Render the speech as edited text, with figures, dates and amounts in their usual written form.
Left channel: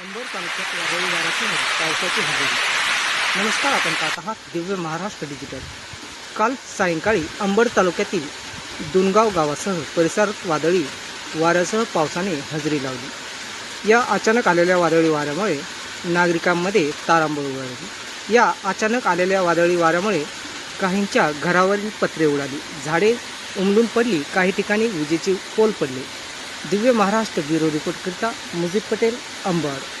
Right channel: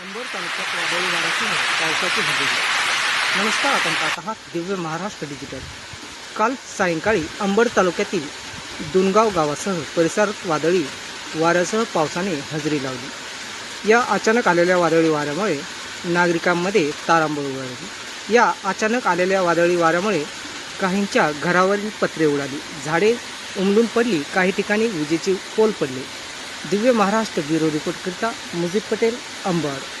अंबड तालुक्यात वादळी वाऱ्यासह पावसाची हजेरी। नमस्कार, आपण पाहत आहात दिव्य महाराष्ट्र डिजिटल। काल सायंकाळी अंबड तालुक्यातील दुनगाव गावासह परिसरात वादळी वाऱ्यासह पावसाने हजेरी लावली। या अचानक आलेल्या वादळी वाऱ्यामुळे नागरिकांमध्ये तारांबळ उडाली। या अचानक आलेल्या वादळी वाऱ्यामुळे काहींच्या घरावरील पत्रे उडाली, झाडे उमलून पडली, काही ठिकाणी विजेचे पोल पडले। दिव्य महाराष्ट्र ब्युरो रिपोर्ट करता मुजीब पटेल, अंबड।